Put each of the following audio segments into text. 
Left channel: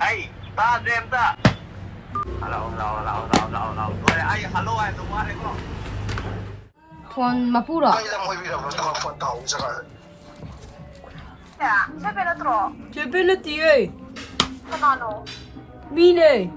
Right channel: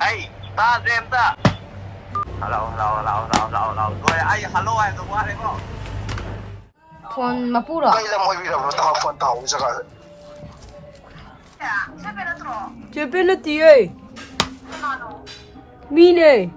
Hey, ta xem ta. Hello, hello, hello, hello, hello, hello. Rồi, ai hello ai tôi qua đây không? 폰 마pu로. Kailan mo oibirabaro tama po ang tao sa ka? 야, 세배를 들어. 제 벨레티에 하나로. 미네.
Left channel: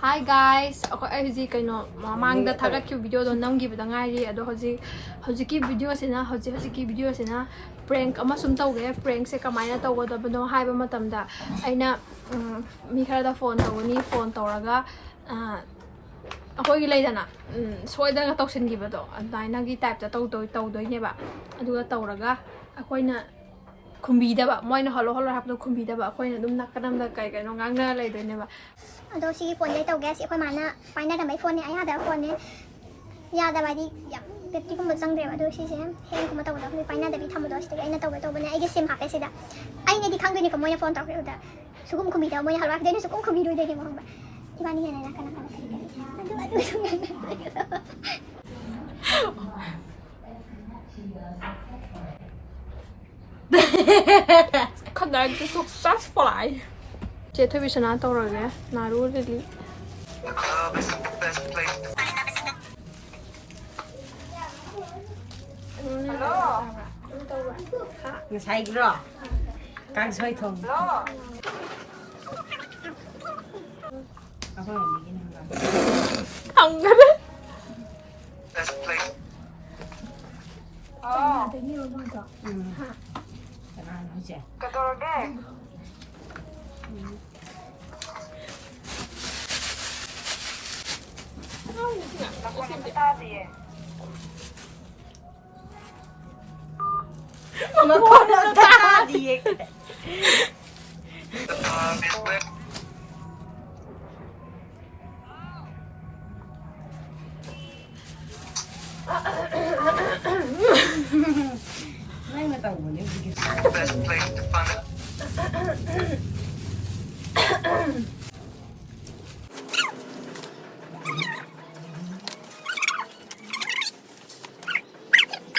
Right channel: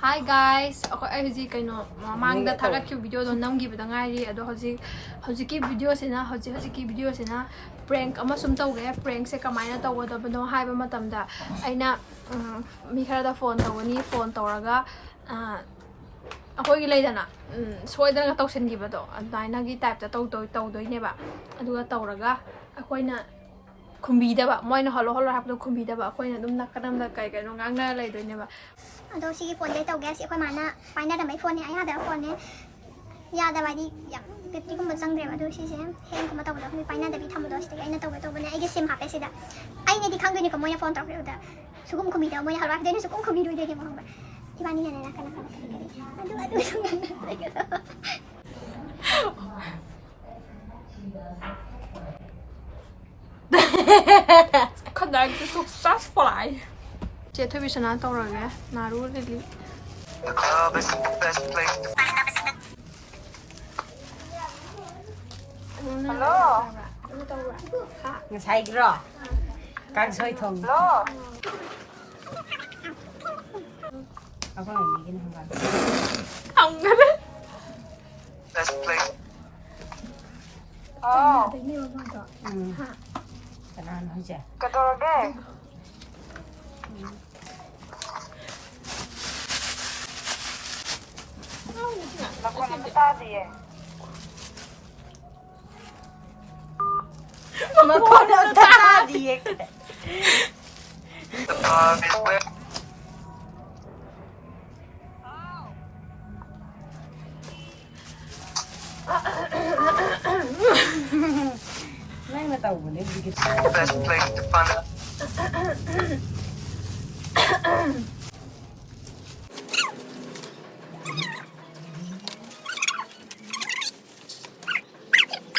Hi guys, ako ay hujik kaino mamangda thagat ki video do namgi bada ngairi ado hujiki video sina hujiki video sina prank ama sum tawge prank se kamaina tawgodabano haiba matamda aina mi khara da phone tawani phone tawraga akoi gi leidana soidana tawsin gi bado adaina gi type ta tawdoi neba aduga tawraga akoina kumbidaba moina holo hapdo kumbidaba akoina dum nakadamda kai kai no ngangna leidoi neba Ado si phone day tau gas ko mana paina da mai phone ne ai hada phone ne ya da bai di ya battery ko mazang de ado si sem hang ko mata ko paina da bi tham do sti ai na tau to bane ai ge sim hape sida ai ne di khang de ni ko moina phone tau da sugum ko mi da moina halwa de ni sugum ko mi ru de ni mo ba ibani ne na kana ado Connect successfully. 제 television 떠오르게 나루 릴리. The club is the best place to Hello. 잘 들어. 간소이 통. Hello. 아빠 얘기는 한 거. 안 그래? best place. Oh, 되게 많다. 난 이제. 그러게. 나 그냥 따지에. 뭐 다 뒤에. The club is where 나는 다 오네. 이게 the best place to find it.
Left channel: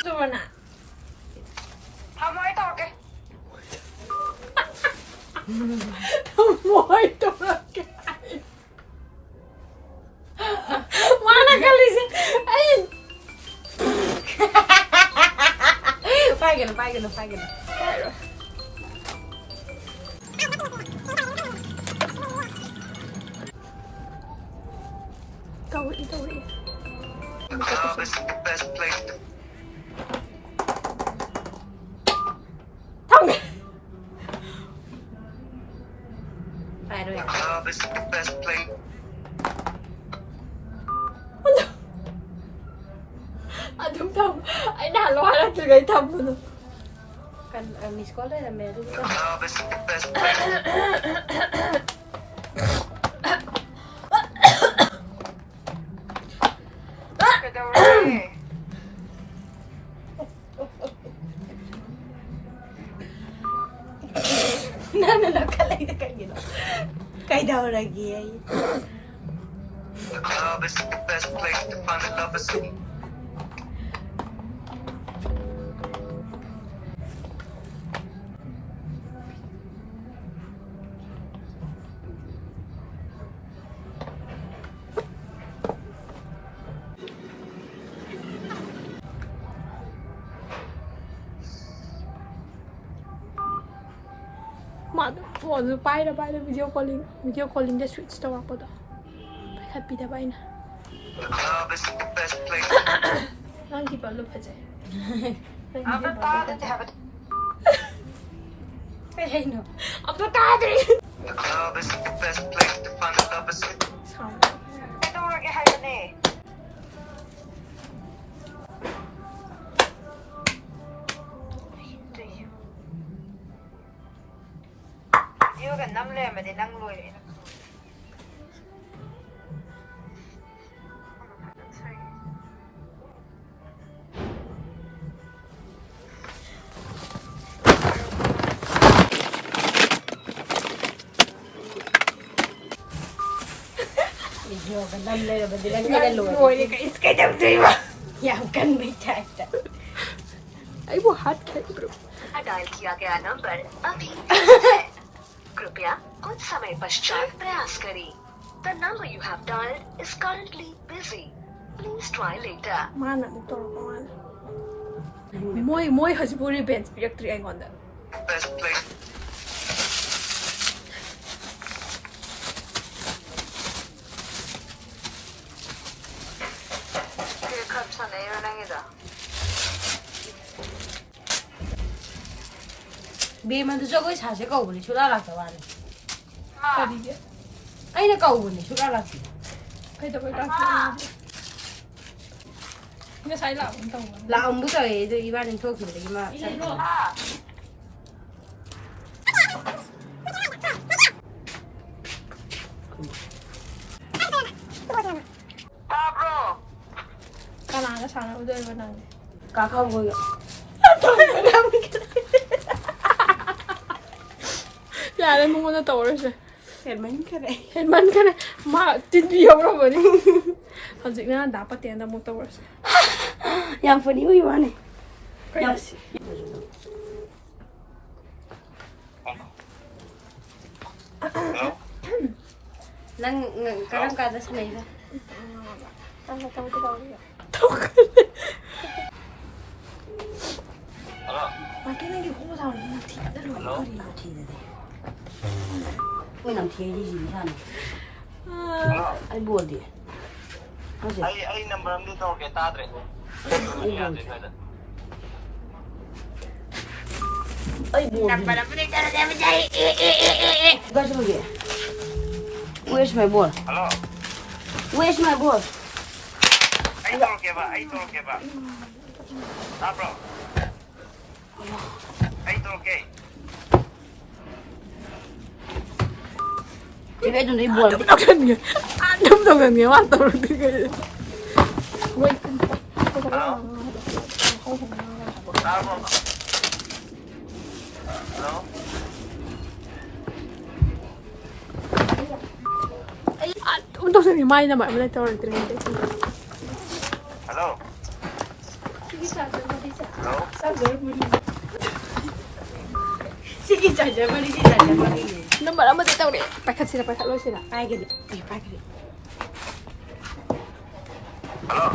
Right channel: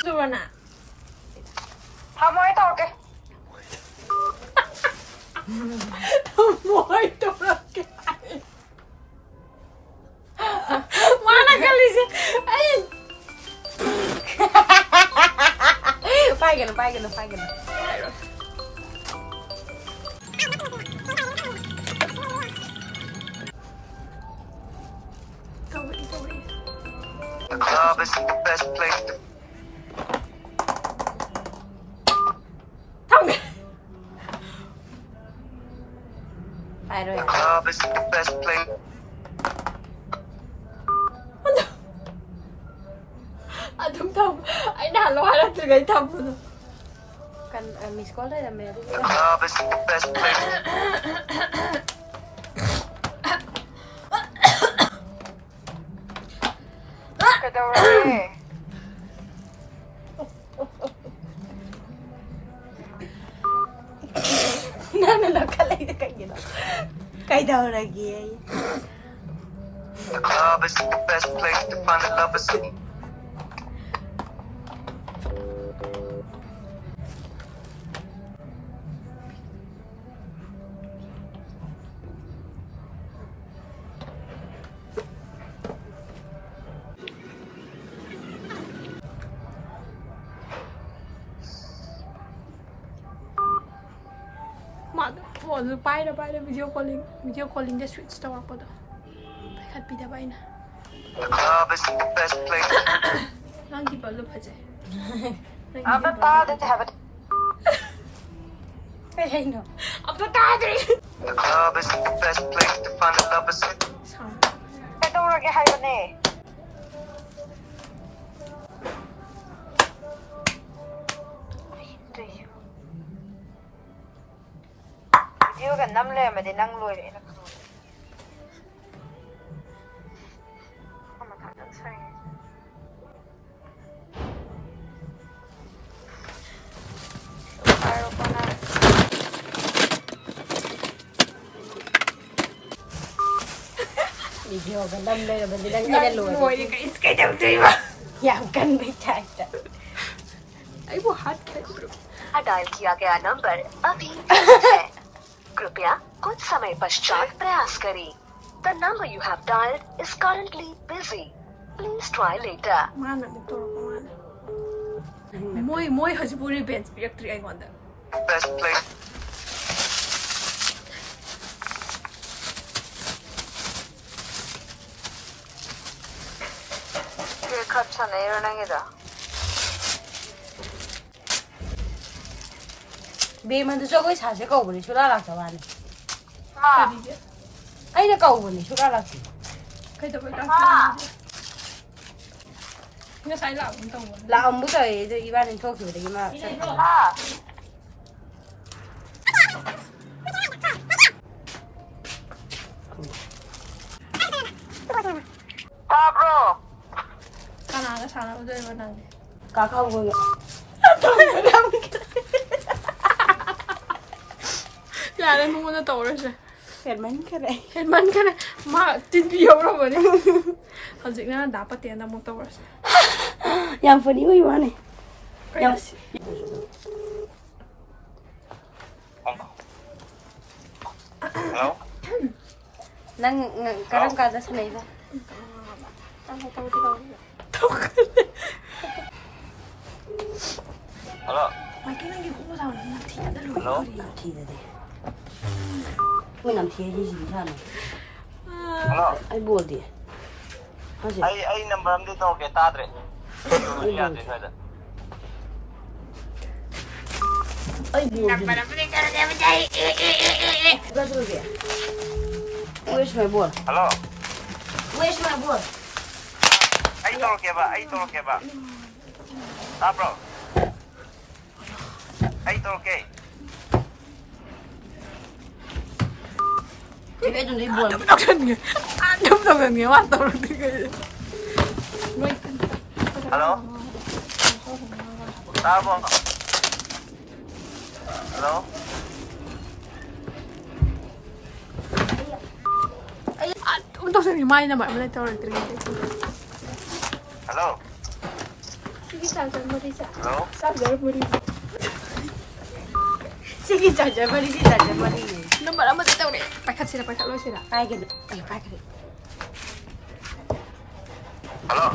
좋아나. 한 번에 떠올게. 뭘 또렇게. mana kali sih? Ayo. Pakai. Tauri. The club is the best place to Tong. The club is the best place. Aduh tahu. Ay nalo hala tulay tapo no. Kan miss call na meron. The club is the best place. 그러게. Nakalay na kayo. Kay daw lagi ay. The club is the best place to find the lovers. Phone bay ra video calling the switch tawak po do. Pakat pida bay na. The club is the best place. Nang di pa lupa je. 아빠 따뜻해 have it. Ay no. Apa tadi? The club is the best place to find the lovers. 떠올게 하려네. 이유가 남래면 내 낭로래. video kan namเลยมันจะได้ไม่ได้โหลด โวยเลยก็อิสกันยังดีวะ อยากกันไม่แท็กแต่ ไอ้บัวฮัทแค่บรู dial किया गया number अभी व्यस्त है कृपया कुछ समय पश्चात प्रयास करें The number you have dialed is currently busy. Please try later. มาหนักมุกตลกมาหนักมวยฮัจิบุรีเบนส์เปียกตรีไอ้ก่อนเด้อ best place คือขับฉันในเรื่องนั้นก็ เบมันจะช่วยก็ชาเชก็วันนี้ช่วยอะไรสักวัน ใครดีเด้อ ไอ้เนี่ยก็วันนี้ช่วยอะไรสิ ใครจะไปรับเนี่ยใช้หลังมันตรงวัน เราเอามุ้งใส่ตัวอีบ้านนึงโชว์ขึ้นไปดีมาก ตาโปร กานาก็ช้าแล้วด้วยวันนั้น กาเข้ามือ อย่าเลยมึงมันจะโตเลยใช่ เห็นไหมแค่ไหน เห็นมันกันเลยมาจินเดียวเราแบบนี้เขาจริงนะด่าปะเตียนแต่มึงโตเลยใช่ ยังฝันอยู่อีบ้านนี่ ก็ยังสิ Hello นั่งกำลังการจะเสนอ ตั้งแต่ตั้งแต่ตั้งแต่ Hello มาแค่นั่งกินข้าวเช้าแล้วนาทีก็ได้เลยก็ดี ทีเดียวไม่นำเทียยี่สิบชั้น Hello ไอ้บัวดิ ai number am dito kay tahwre yan din kada ไอ้บัวดิก็จะรู้ดิ Where's my ball? Hello Where's my ball? ai tol ke ba ta bro ai tol ke Chị bé đừng đi buồn. đâm thân người đâm thân người hoàn toàn thì cái quay cân Hello ta bro Hello untuk sini main nama mana tahu lagi terus Hello Hello Sige saja, mari kita saja mari. nomor apa tu tahu deh pakai sini pakai lo sini Kai gitu. Kai gitu. Hello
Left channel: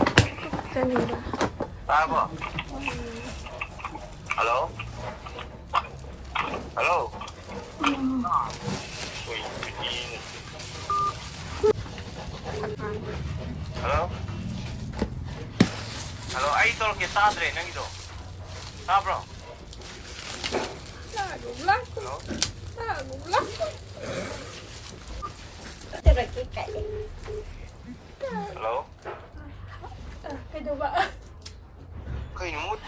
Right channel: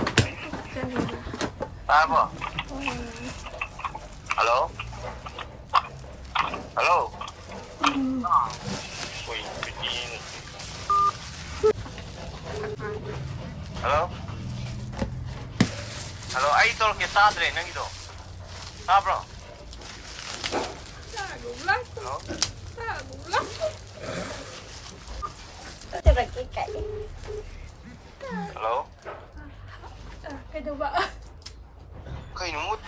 jangan lupa ta bro Hello Hello Ui, begini. Hello? Hello, ai tol ke tahwre nang ito? Ha bro? Hello? Kita lagi kai. Hello? cái đâu vậy Kay numut.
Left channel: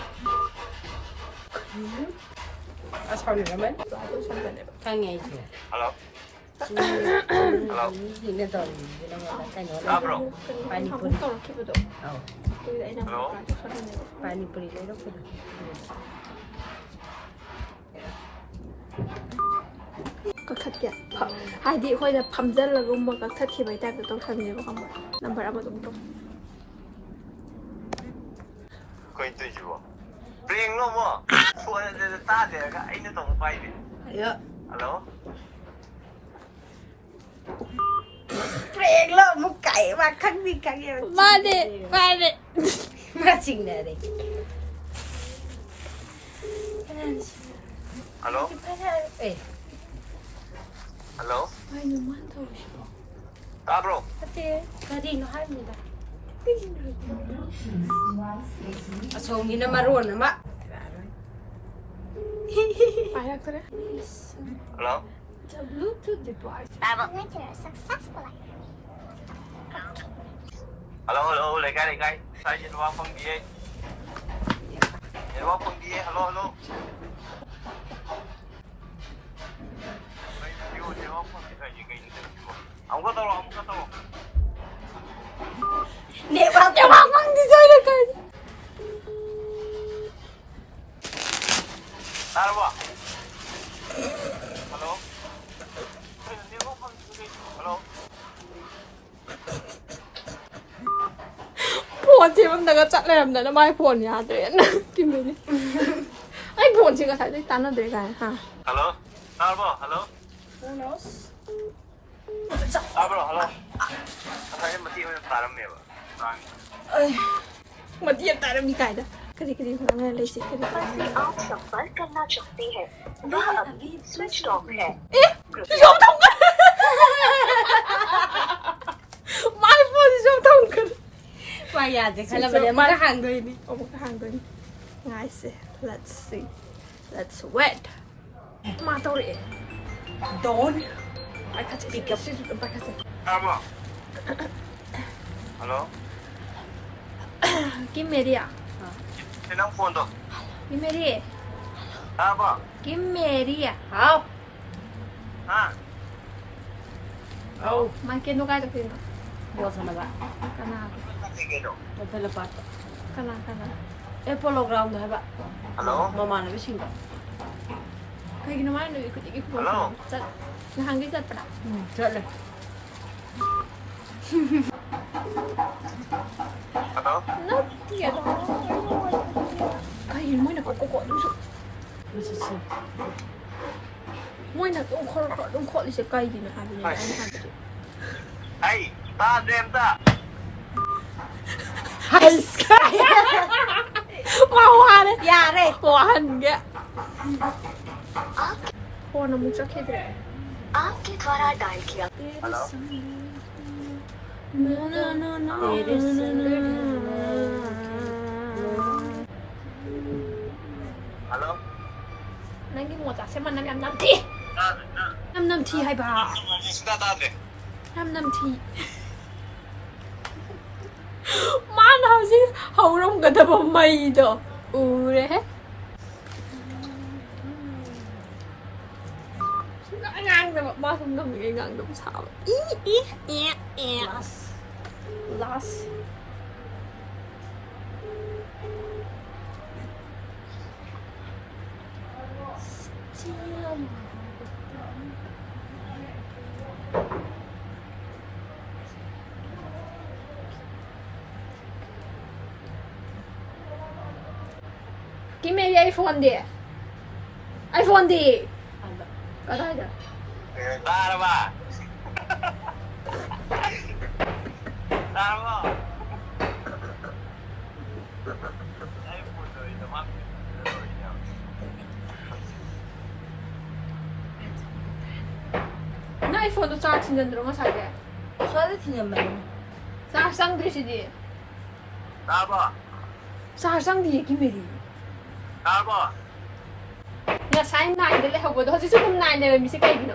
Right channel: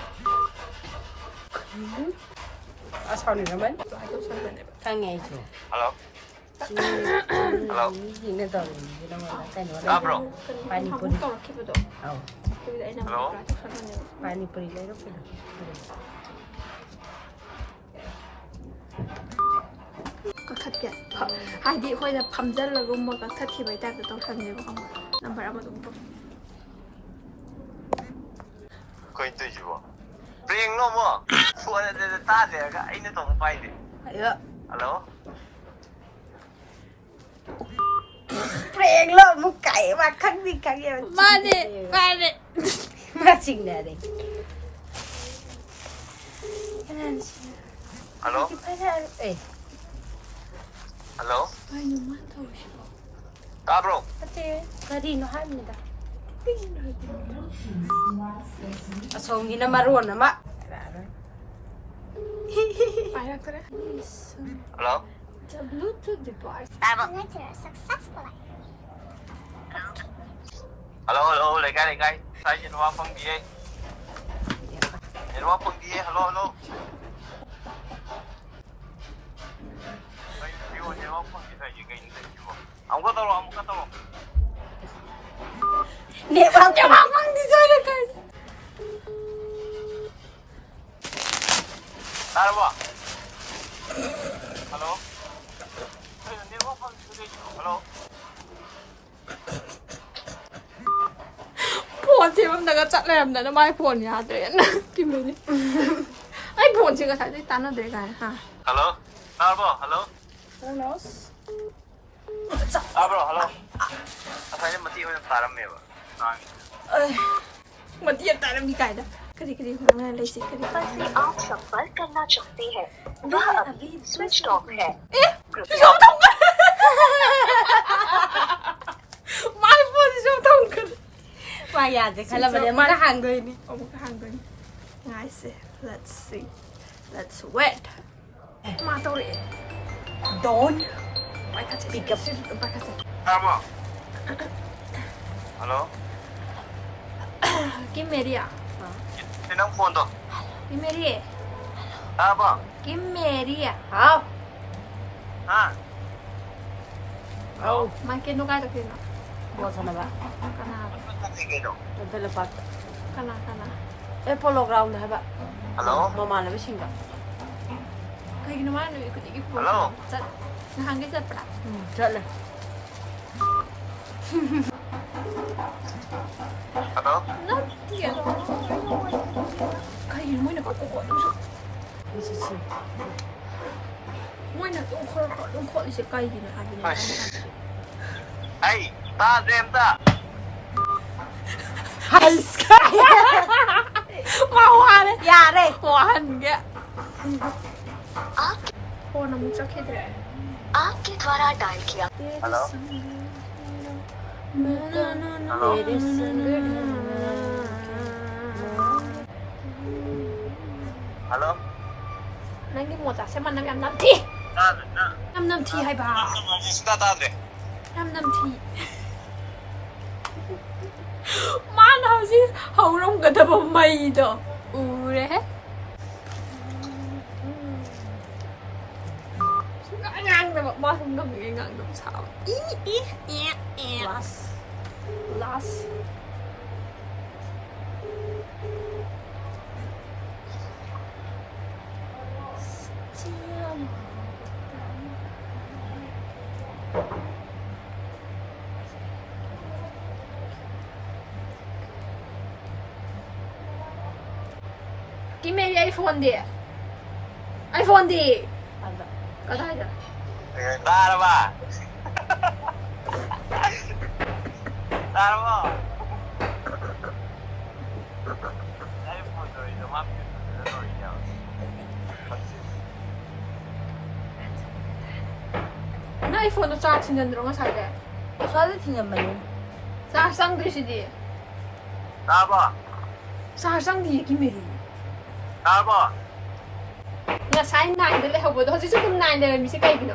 Asal ni naman. lại tôi sang bên này Kai ngai tu. Hello? Hello? Ini tahu ni nama kai no. Ha bro? Pani không puri. tahu lagi betul Oh. tôi lại nằm Hello? lại tôi sang bên này Pani puri lai tu. ก็คัดแกะหายดีค่อยจะพัมเจนแล้วก็มันก็คัดที่ไปแต่ต้องทันเลยก็คำว่าน้ำปลามาตรง Kay ito jiwa. Pring no mo. Suara de tahwre ka ai na tong pai de. Ya. Hello? Peng lo mu kai ma khang ni kai ya. มาดิ Ma sing dah deh. Hello? Eh, Hello? ไปหนุ่มมันเท่าไหร่ Ta bro? pati kari no han ni dah. Asal ni nama ruan nama. ไปแล้วก็ได้ Hello? the bluetooth device successful. Hello, legay. Saya jenwa pang dia. Jenwa pang dia. Hello. Ay, jiwa jenwa pang dia saya gay ni jiwa. Ang ko tolong. Ni bang bang di sana kan. Tara ba? Hello? Ay, jenwa pang dia. Hello? 폰 세븐다가 짤래람다 마이 폰 야드레 김메리 아이 폰 제가 살짝 따나드레 가야 하 Hello? Hello? Hello? Hello? Asanya mati ko yung taram eh ba? मत ये तारा भी कायदा करी करी होना ले से करी से आप संपर्क करना चाहते हैं वह अभी स्विच ऑफ है जो thông कर my phone जो thông कर Mà nhà thì hay là mình đem cái hàng thôi đi. một cái hàng rồi ngay se let's see let's wait mà tao đi Don't. mày khát chết gặp mày khát chết Tama? Hello? Kim Mary à Sinang phone to? Kim Mary Tama? Kim Mary à Không. Ha? Oh. mày kia nó cái được gì nó Buat sana ba? kana Kasi kayo. Nanti lepas. kana Polo ground dah ba? Hello? Mama na bising ka. cái gì nó mà nó cái gì cũng Hello? rất nó hàng cái rất bả Chợ lên. Hello? nó thiệt đó cái gì mới là có đúng rồi mới là đúng khó đi sẽ cây gì nữa hai bên này ăn Hey, ta dem ta. Hai sky. hoa đấy Ya đây. hoa hình kìa आप hoa nó muốn cho khi đấy आपके द्वारा dial किया Hello? Hello? nanti mau tak saya mana năm thi năm thi hay bà Sita ta de. năm thi má nào chứ hầu rong cái tập mày đó đấy ngang rồi ba không đồng ý ngang đồng sao last Give me the iPhone đi iPhone đi có đây được Ta ra ba. Ta ra ba. Ay puto, ito map. 나 iPhone도 짜 충전 들어가 살게 Soalnya tinggal mana? 사상 되시지 Ta ba? 사상 뒤에 김메리 Ta ba? 나 사인 나인데 하고도 어제 조금 나인데 미세 가이기노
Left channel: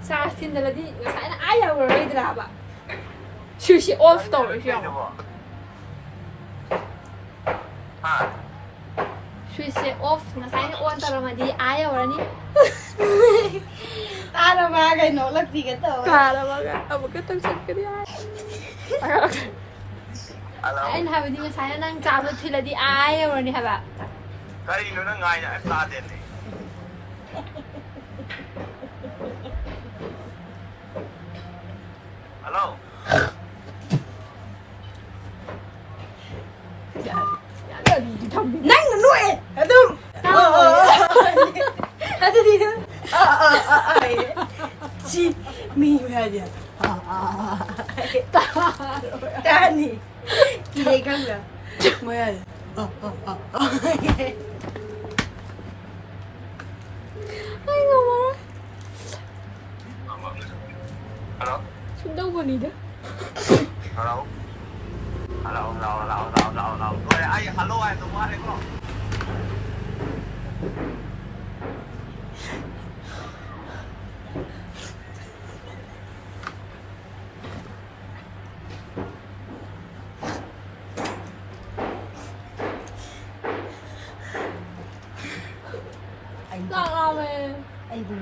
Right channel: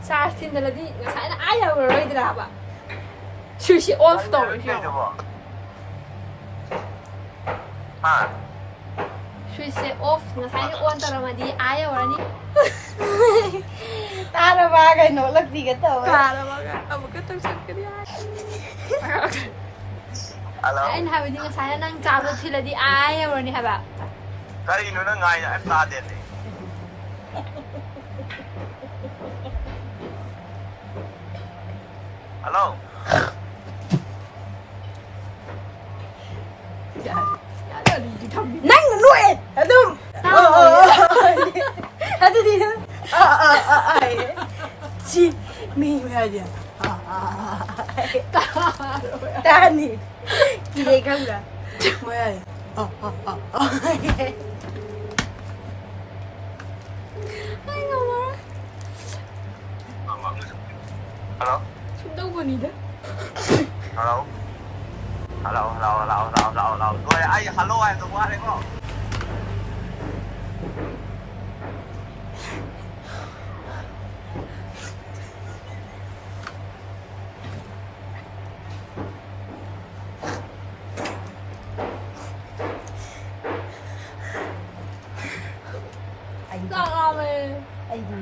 사스틴들라디 나 사인 아야 그러더라 봐 휴시 오프 떠오르죠 Ha? 휴시 오프 나 사인 온 따라마디 아야 그러니 Tara bagay no, lagsi ka to. Para baga abo ka tang sat ka diya Hello? anh hai bên nga saya nang chào được thì là đi ai rồi nè hả bà Kanino na nga yan? Ta din eh. Hello? Nang nuôi. Aduh. Hadi dia. Si mi dia. Tani. Kira kan dah. Mai. ai ngomong Hello? sundaw ba nida Hello? Hello? Rồi, ai hello ai tôi qua đây không? sao mày Ai đi.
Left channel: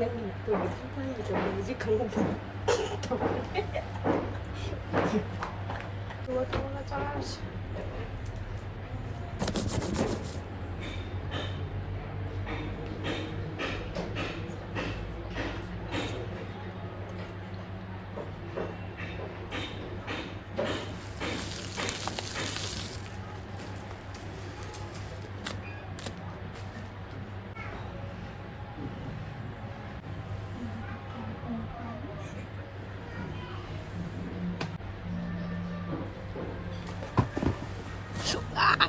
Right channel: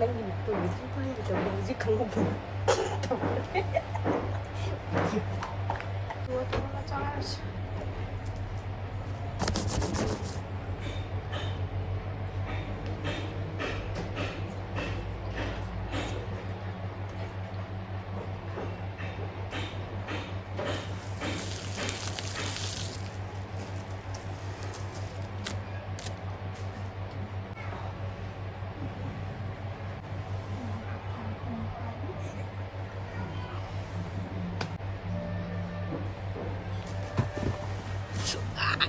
Lấy đi mặt tôi biết phải tôi biết chứ không có buồn. tua là charge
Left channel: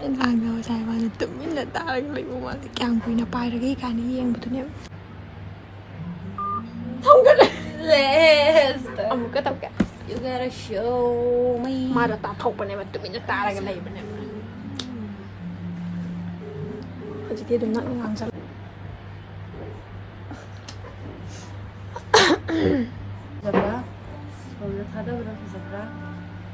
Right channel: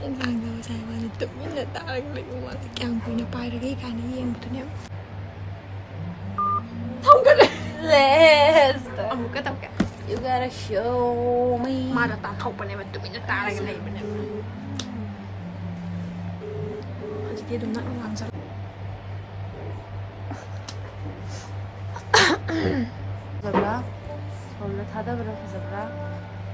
ꯏꯟꯁꯥꯡꯗꯣ ꯆꯥꯏꯕꯥꯅꯤ ꯇꯨꯃꯤꯟꯅ ꯇꯥꯔꯒ ꯂꯩꯕ ꯃꯥꯜꯂꯦ ꯀꯌꯥꯝ ꯀꯨꯏꯅ ꯄꯥꯏꯔꯒꯦ ꯀꯥꯏꯅ ꯌꯦꯡꯕꯗꯨꯅꯦ ꯊꯝꯒꯠꯂꯦ ꯑꯃꯨꯛꯀ ꯇꯧꯒꯦ You gotta show me. ꯃꯥꯗ ꯇꯥꯊꯣꯛꯄꯅꯦꯕ ꯇꯨꯃꯤꯟꯅ ꯇꯥꯔꯒ ꯂꯩꯕꯅꯦꯕ ꯍꯧꯖꯤꯛꯇꯤ ꯑꯗꯨꯝ ꯅꯛꯅ ꯉꯥꯡꯖꯜ Fajabra. Somna thadabra fajabra.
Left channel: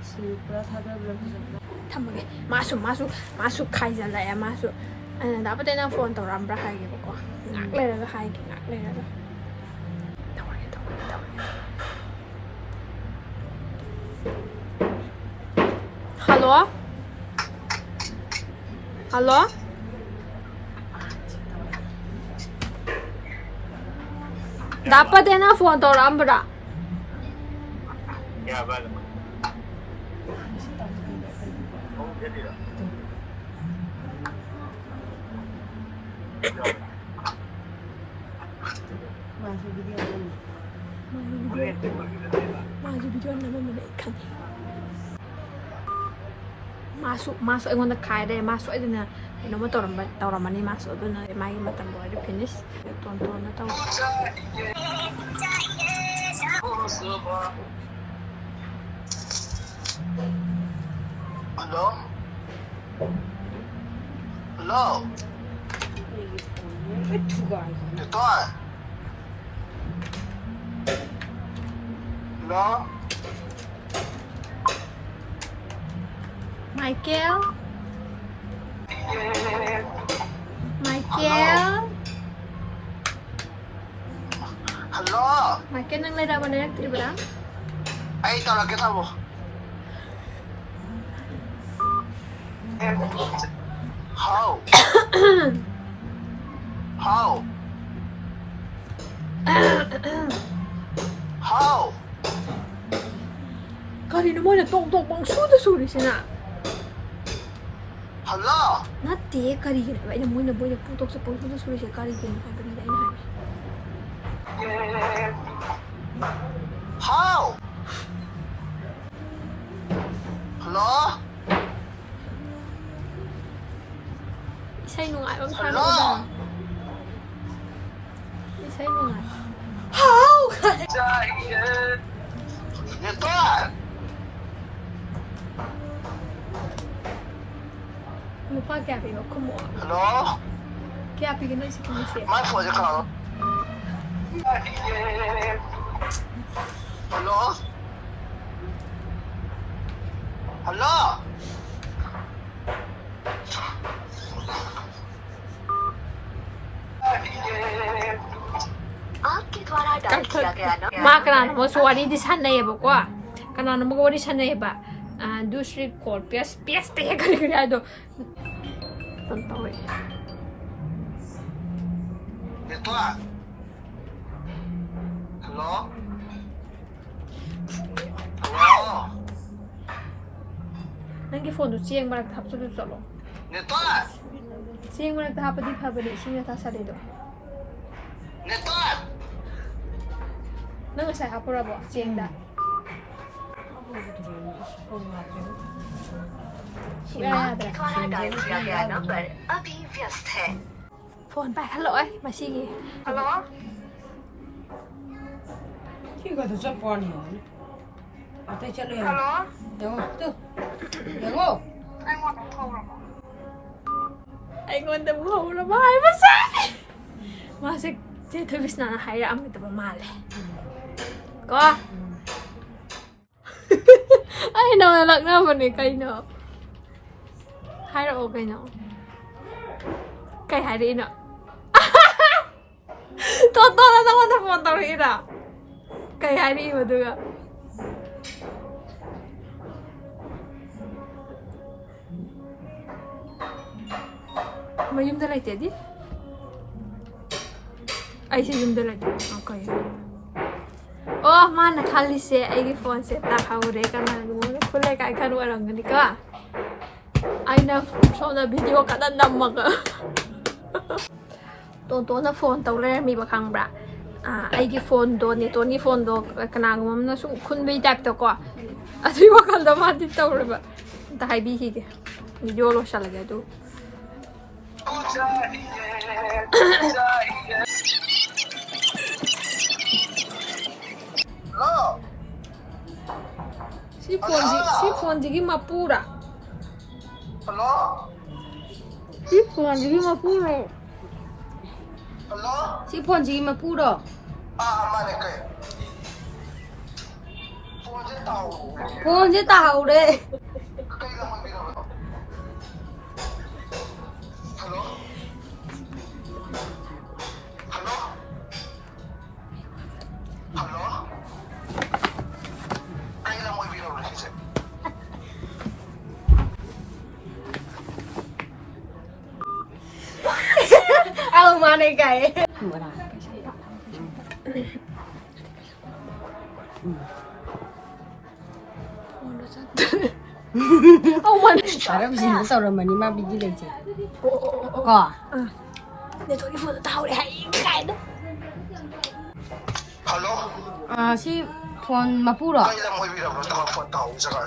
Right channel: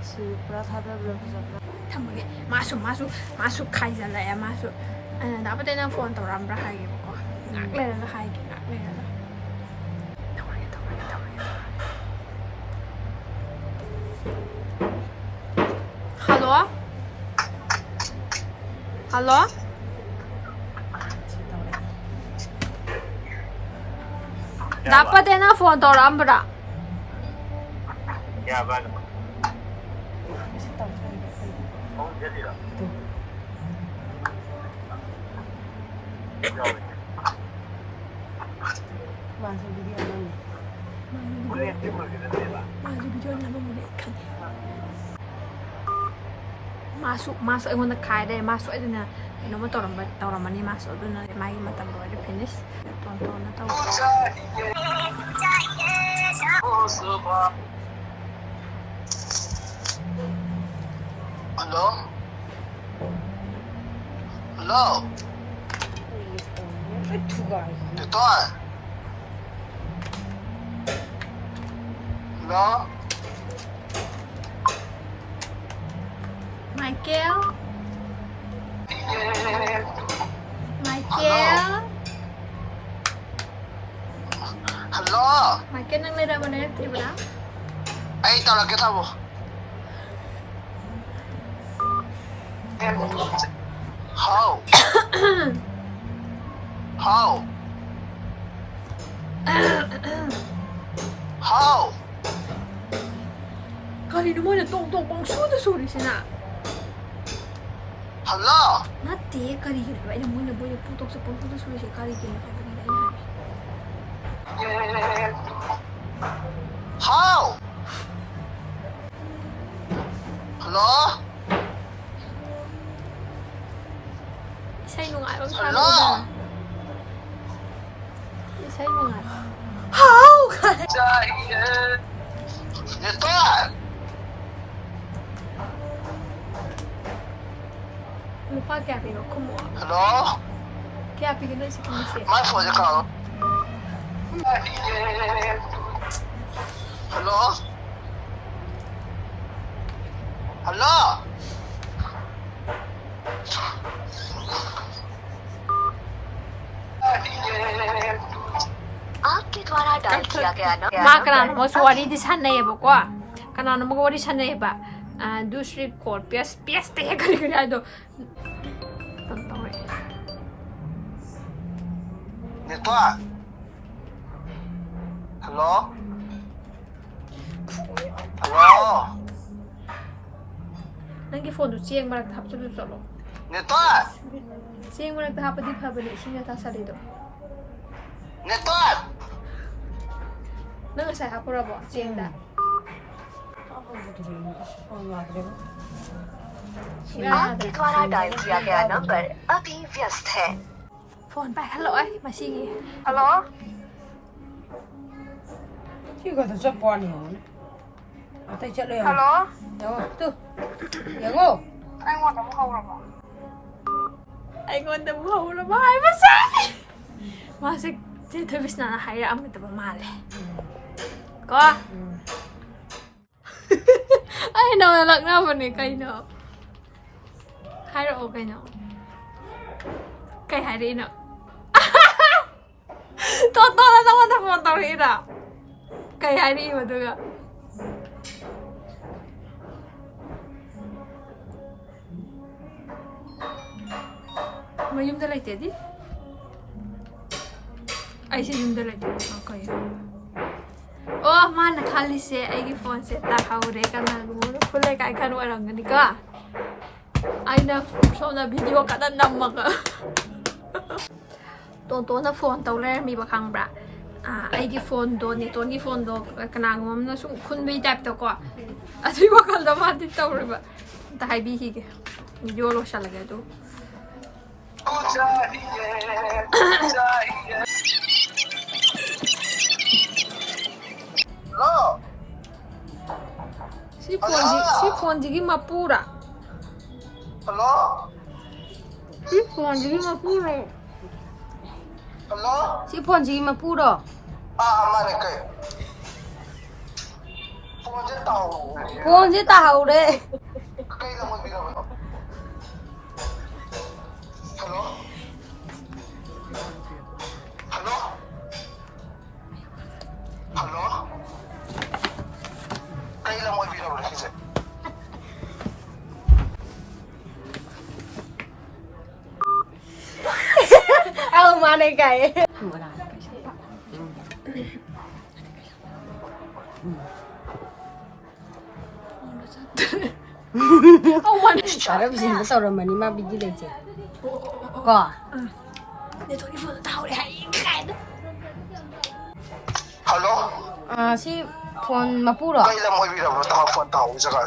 Sipura thadabra fajabra. ꯊꯝꯃꯒꯦ 마수 खाइजꯜꯂꯛꯑꯦ 마수 나한테 나 폰 ꯇꯧꯔꯝꯕ꯭ꯔꯥ 하이게ꯕꯀꯣ ꯉꯥꯛ ꯂꯩꯔꯒ 하이게 ꯉꯥꯛ ꯂꯩꯔꯒ ꯇꯧꯔꯒꯦ 할로 나한테 나 폰 ꯇꯧꯔꯝꯕ꯭ꯔꯥ 야 맞아 제리라 마주 비디오 남으면 칸 마수 이거는 가야돼 마수 애들은 너무 떠람마니 마수 어두는 마이 마땅 보여도 피니스 톤톤 타고 Hello? Hello? Toy? Hello? 마이kel Hello? 마이kel nang lera mana yang terima Ay, tao là cái thằng How? How? How? Kali naman na tok bang suda sina Hello? Nate kari gina ba ina mo na boy na putok sa suda siya kari gina kay bagida ina How? Hello? Isay nung bang sabi Hello? ko ba Isay nung Ito! lupa kaya pigo kumuha Hello? kaya pigo na si Kimisi My phone is calling. Hello? Hello? आपके द्वारा dial किया गया number मा kanano mo so wari di sanayeba ko kanano mo wari sanayeba दूसरी code पियास ते kari ado tontoy Ito! Hello? Hello? nangi phone do chieng marak thap chu cholo Ito! chieng marak thap di phabani singya ta sari do Ito! nang sa hapura bo chieng da आपके द्वारा dial किया गया number अभी व्यस्त है phone ba hello ai masigi Hello? Chico to chop on you. Ate chalo yan. Hello? Yo, tu. Yago. Anh want to hold on. ai ngon da bu la bai masa masa je thobis na haira am ta ba male ko ai no lak na ba ni kai no haira o kai no kai hairi no to na wanda phone tau ri da kai hairi ba du ga mayumda laite di ai se yumda laite okay oh mana khali se ai gi phone se tahwre kana mo khule kai khan warang ni ka aina sona video kada namma ka to na phone tau le mi ba khang bra ai gi phone do ni to ni phone do kana ngom na sum khun bi tap to ko atui wa kal da ma ti tau re ba ta hai bi hi ge video ꯂꯣꯏꯁꯤꯜꯂꯒꯦ ꯑꯗꯨ ꯁꯤ ꯐꯣꯟꯁꯤꯒꯤ ꯃꯄꯨꯔꯥ Hello? ꯁꯤ ꯐꯣꯟꯁꯤꯒꯤ ꯃꯄꯨꯔꯣ Hello? ꯁꯤ ꯐꯣꯟꯁꯤꯒꯤ ꯃꯄꯨꯔꯣ Mane kay. Phone je tao. ꯐꯣꯟꯁꯦ ꯇꯥꯍꯧꯔꯦ Kay lang mo bigabo. Hello? Hello? Hello? Kay lang mo bigabo kasi. Ông mà này cày mở nào ông mình Parang bisa na tawag man ni mabigi lang siya. Ko. để tôi đi vừa tao để hãy khai đó Hello? Ah, si phone mapuro. Kay lang mo bigabo tao phone tao sa ka.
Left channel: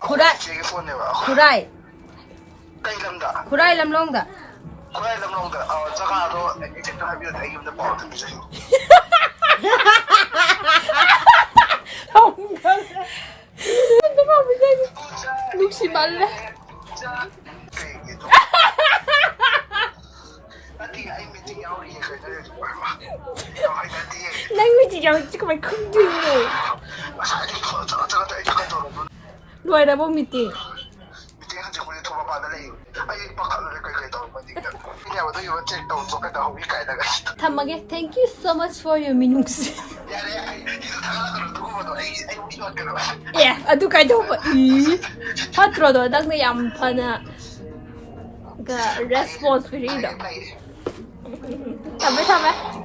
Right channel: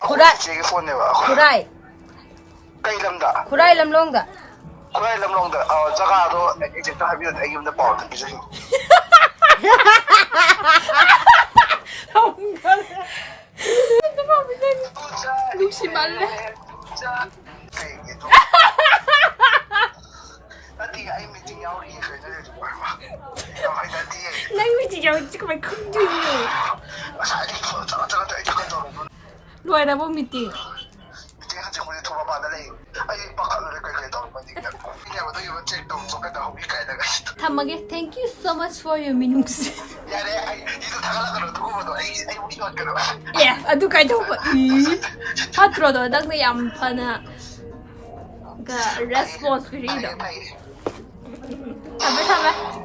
Kuray. Sige phone ne ba. Kuray. Kay lang da. Kuray lamlong da. Kuray lang long da. Saka do eject ta habiyon ay yung na pa din kasi. không lúc xí bắn đấy Kay ito. Ati ay meeting yaw ri kay na ito ba. Ay dati ay. nãy mới chỉ cho chứ mày không gì rồi Masali ko ta ta ito ka to. đuổi ra bông mít tiền Meeting han ko ito ba na lay. Ay baka na kay to ba di ka. Hindi ba to yung check down so ka daw wi kay daga. Tamage, thank you so much for your minutes. Yare ay ito tagala ka no ko ba ay iwan ka na. Yeah, adu kai đâu vậy? Ý, phát rồi đó, đang này làm phần cái response free đó. Thầm ấy.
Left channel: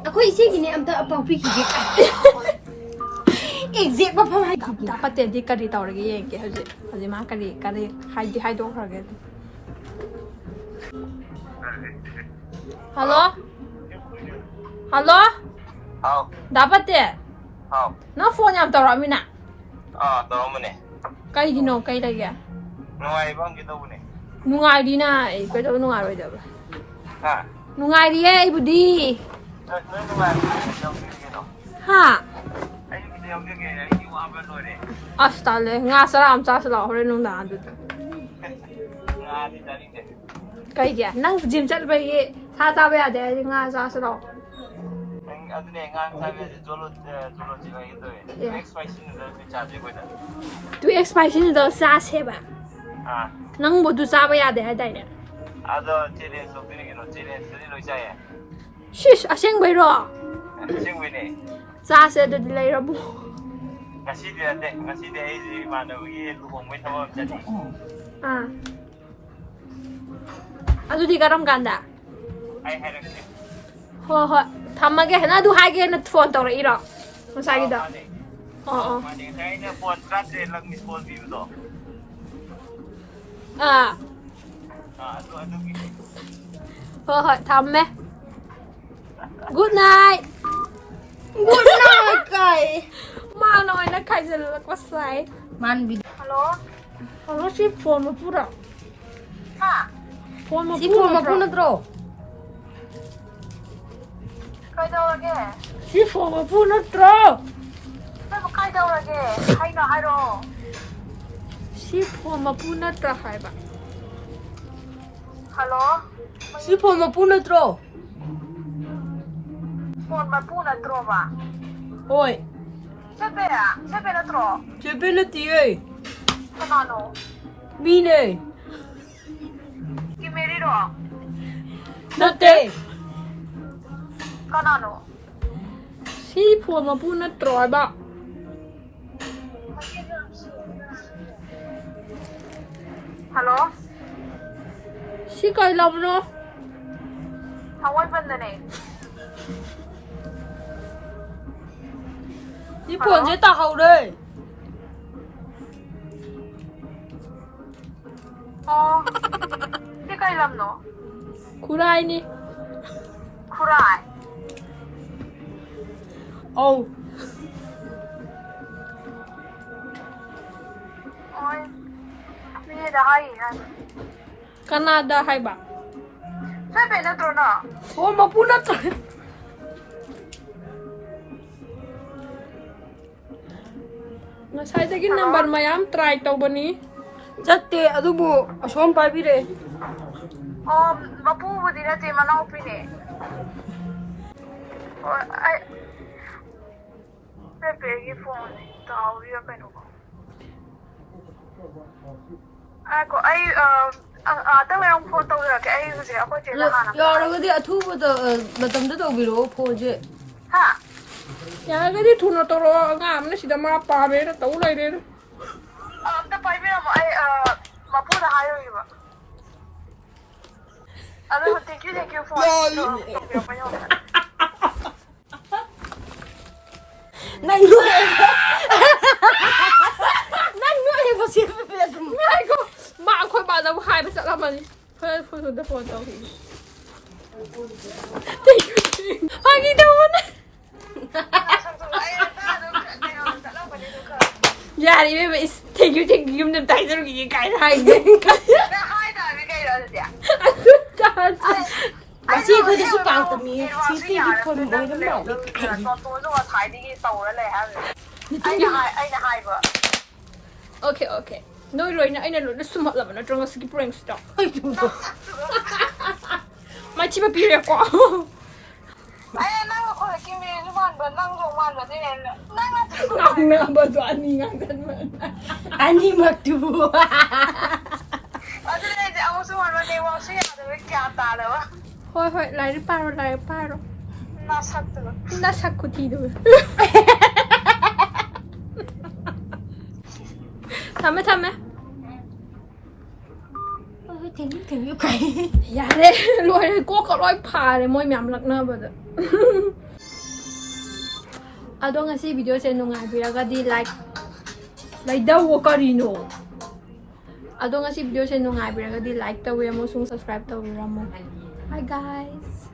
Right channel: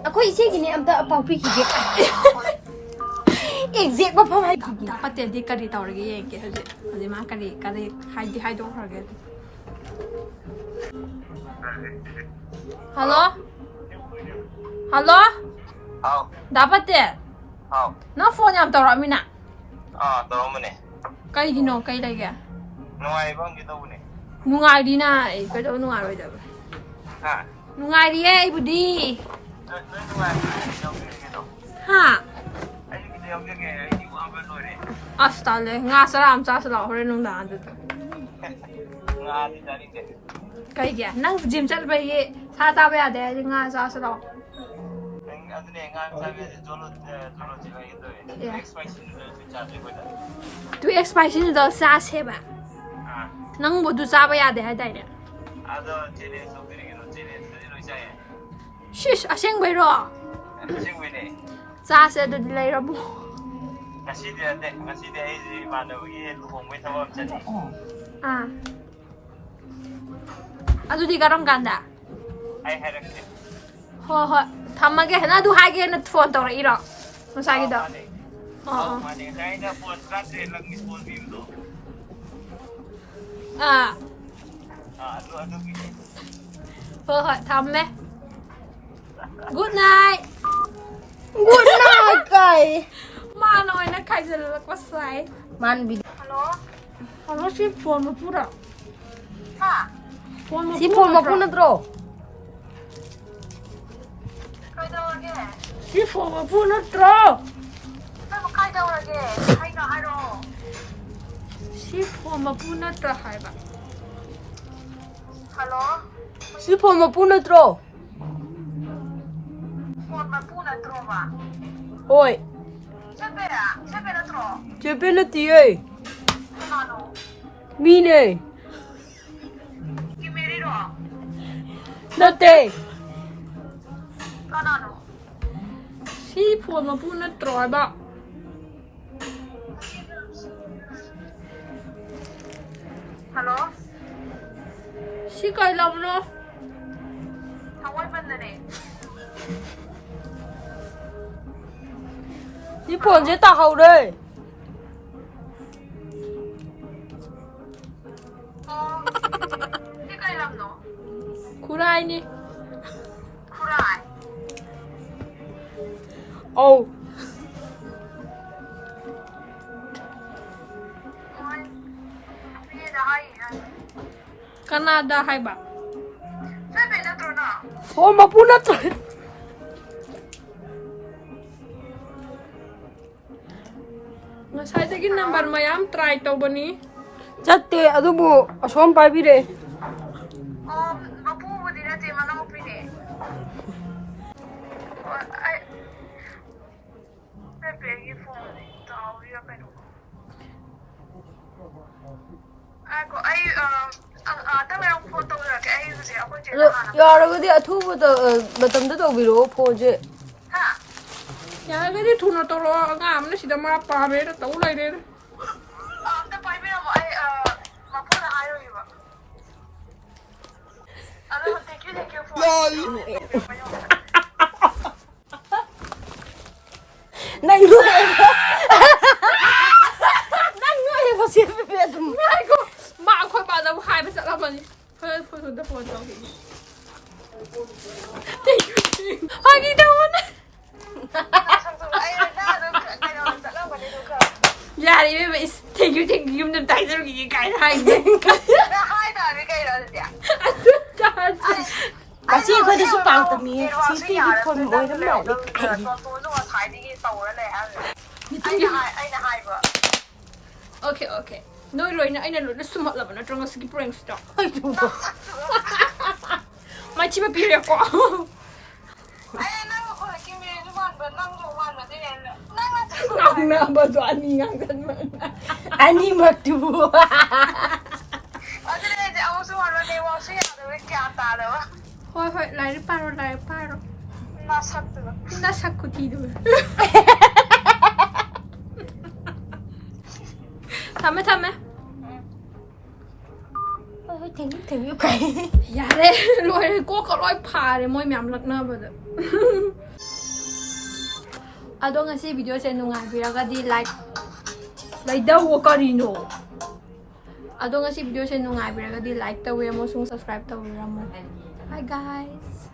Ako isip gini am ta pang pi kiji. Exit ba pa mai kiji. Dapat jadi kari tau lagi ya, kayak hadi mah kari hai dong lagi. Halo? Halo? Hao, Dapat deh. hao. Nó phone nhầm tao rồi mina. Tolong mo ne. Cái gì nó cái này kìa. Nuway bang kita po ne. Nungai đi na, cái đó nungai rồi đó. Ha? Nungai đi ấy, budi. Nuway mo yung kita. Ha? Ay kita yung kaya ay di mo apa no ne. Astale, nga salam sa sala hore nung daan dito. Nga di daling de. Cái kìa, nang gym chat bay ye, sa ta bay ade nga sa sala. Ang ano ne nga sabi jolo jiwa ito eh. Yeah. Next question is charging with it. Tu expansion do sa se ba. Ah. Nang mo du sa bay ade hai dai ne. Ado chile so kini kino chile sini lo siya eh. Shish, aseng bay ro. Sing win eh. Sa se do dilay ro bu. Ngasi dia ay si mana wagi luhong may tawag jadi. Ah. Adu di karam ganda. Ay harap ke. Ho ho, thamage na du hai ge na phone to ra iro. Masagi do. Oo. Mani kaya na phone chat lang ni phone view do. À, Ado gitu. thôi hỏi thăm mẹ. Good night. Good night cày. Mà nói nó cày giờ là có sai. Man bi. Hello? Nó ship phone mà phụ rồi. Ha? Phone mà Si phụ phone mapu na rồi. tro. Kaidaurage? Ship phone mà phụ nó trơ. Pero kaidaurage? Haino haro. Ship phone mà phụ nó trơ hai bạn. Hello? Si phone mapu na tro. Phone mapu na tro ba? Oi, Sebe à? Sebe na tro? chepe na ti ơi. Kanano? Mi ne. Kimeri ro? Na te. Kanano? Ship phone mà phụ nó trơ bạn. Hello? Ship cày lòng nó. Hawai bandane? Si phone je ta hau đây. Oh. Di kailam no? Kurai ni. Kurai. Oh. Oi. Ni ꯇꯥꯏꯕꯦꯗ ꯍꯥꯏꯌꯦ ꯀꯅꯥꯗ ꯍꯥꯏꯕ ꯇꯥꯏꯕꯦ ꯅꯠꯇ꯭ꯔꯣ ꯅꯪ ꯑꯣ ꯃꯄꯨ ꯅꯠꯇ꯭ꯔꯦ ꯉꯁꯥꯏꯗꯒꯤ number ꯃꯌꯥꯝ ꯇ꯭ꯔꯥꯏ ꯇꯧꯕꯅꯤ ꯆꯠꯇꯦ ꯑꯗꯨꯕꯨ ꯑꯁꯣꯝ ꯄꯥꯏꯕꯤꯔꯛꯑꯦ ꯑꯣ ꯃꯄꯨꯕꯨꯗꯤ ꯅꯠꯇꯦ ꯃꯅꯥꯎꯄꯤꯅꯦ ꯍꯣꯏ ꯑꯩ ꯇꯥꯏꯕꯦꯒꯤ ꯐꯣꯟ ꯇꯥꯍꯧꯔꯤꯔ ꯀꯩꯅꯣ ꯉꯥꯏꯈꯣ ꯑꯩ ꯉꯥꯛꯇꯪ ꯂꯩꯔ ꯐꯣꯟ ꯇꯧꯖꯔꯛꯀꯦ ꯑꯩ ꯍꯧꯖꯤꯛ ꯑꯩꯈꯣꯏ ꯆꯦꯗ ꯍꯥꯟꯅ ꯌꯥꯔꯒꯗꯤ ꯑꯊꯨꯕꯗ ꯃꯇꯝꯗ ꯇꯧꯕꯤꯔꯛꯑꯣ ꯐꯣꯟꯁꯦ ꯍꯥ ꯌꯥꯔꯒꯗꯤ ꯊꯨꯅ ꯇꯧꯔꯛꯑꯣ ꯑꯉꯥꯡ ꯑꯃꯅ ꯁꯤꯗ ꯃꯥ ꯄꯥꯝꯃꯦꯅ ꯇꯧ ꯂꯩꯔꯦ ꯑꯝꯇ ꯄꯥꯏꯕꯤꯔꯝꯃꯣ ꯑꯩ ꯃꯄꯨꯗ ꯍꯥꯏꯔꯨꯏꯕ ꯑꯗꯣ ꯊꯦꯡꯀ꯭ꯌꯨ ꯐꯣꯟ ꯅꯪ ꯅꯣꯏꯕ ꯁꯦꯠꯄ ꯑꯗꯨꯝ ꯉꯥꯏꯈꯣ ꯃꯥ ꯑꯩꯈꯣꯏ ꯕꯥꯗꯕꯨ ꯍꯥꯏꯕ ꯆꯠꯂꯝꯃꯅꯤ ꯐꯣꯟꯗ ꯐꯣꯟ ꯇꯧꯈꯤꯒꯦ ꯐꯥꯒꯤ ꯇꯧꯕꯅꯦ ꯌꯥꯔꯦ 이ꯕꯦꯝꯃ 이스 ꯊꯦꯡꯀ꯭ꯌꯨ ꯌꯨꯝꯗ ꯑꯝꯇ ꯍꯥꯏꯖꯔꯨꯈꯤꯒꯦ ꯀꯥꯏꯅ ꯍꯥꯏꯗꯣ ꯍꯥꯏꯇꯥꯔꯗꯤ ꯀꯩꯅꯣ ꯑꯗꯨꯗꯤ ꯉꯁꯤ ꯑꯩꯈꯣꯏꯗꯁꯨ ꯄꯥꯎ ꯇꯝꯃꯤꯌꯦ ꯅꯦꯠꯋꯥꯛꯁꯨ ꯁꯤꯁꯇꯤꯚꯤ ꯐꯣꯟ ꯑꯣꯏꯔ ꯃꯥꯜꯂꯦ ꯇꯣꯟꯇꯣꯟꯁꯨ ꯉꯁꯥꯏꯗꯒꯤ ꯇꯧꯔ ꯂꯩ ꯍꯥꯏꯕꯅꯦ ꯑꯩꯅ ꯍꯥꯏꯕ ꯑꯣꯀꯦ ꯅꯣꯏ ꯂꯣꯏꯅ ꯑꯩꯅ ꯂꯣꯏꯅ ꯁꯨꯝꯍꯠꯂꯕ ꯅꯠꯇ꯭ꯔꯣ ꯉꯁꯤꯒꯤ ꯄ꯭ꯔꯦꯡꯁꯤꯗꯣ ꯃꯥꯏꯊꯤꯕ ꯄꯤꯔꯦꯀꯣ ꯑꯩ ꯅꯪ ꯍꯧꯖꯤꯛꯀꯤ ꯃꯤꯔꯤꯁꯨ ꯃꯥꯟꯕ ꯅꯪꯁꯨ ꯃꯥꯟꯕ ꯑꯗꯨꯅꯦ ꯉꯥꯡꯅꯕꯗꯣ ꯑꯅꯤ ꯉꯥꯡꯒꯟꯕ ꯑꯅꯤꯃꯛꯇꯨꯕꯨ ꯑꯗꯨꯅꯦ ꯑꯩꯁꯦ ꯑꯃꯨꯛꯁꯨ ꯃꯥꯟꯕ ꯅꯦꯠꯋꯥꯛꯁꯨ ꯌꯥꯗꯕ ꯒ꯭ꯌꯥꯟ ꯇꯥꯗꯕ ꯍꯣꯏ ꯂꯥꯏꯔꯤꯛ ꯄꯥꯔꯣ ꯅꯁꯛꯇꯨꯒ ꯅꯁꯛ ꯈꯨꯊꯤꯗꯨꯒ ꯊꯝꯃꯦ ꯊꯦꯡꯌꯨ ꯀꯥꯏ ꯌꯥꯔꯦ ꯂꯣꯏꯔꯦ ꯀꯣꯛꯀ ꯂꯣꯏ ꯐꯥꯔꯦ ꯃꯣꯏ ꯃꯌꯥꯝ ꯂꯛꯅꯕꯗ ꯑꯗꯣ ꯉꯁꯤ ꯚꯤꯗꯤꯑꯣꯁꯦ ꯅꯨꯡꯉꯥꯏꯕꯤꯔꯒꯗꯤ ꯂꯥꯏꯛ ꯂꯩꯗꯧꯋꯣ ꯀꯔꯤꯅꯣ ꯑꯗꯣ ꯉꯁꯤ ꯚꯤꯗꯤꯑꯣꯁꯦ ꯅꯨꯡꯉꯥꯏꯕꯤꯔꯒꯗꯤ ꯂꯥꯏꯛ ꯇꯧꯕꯤꯔꯝꯃꯣ ꯑꯃꯁꯨꯡ ꯁꯕꯁꯀ꯭ꯔꯥꯏꯕ ꯇꯧꯕꯤꯔꯝꯃꯣ ꯕꯥꯏ ꯒꯥꯏꯁ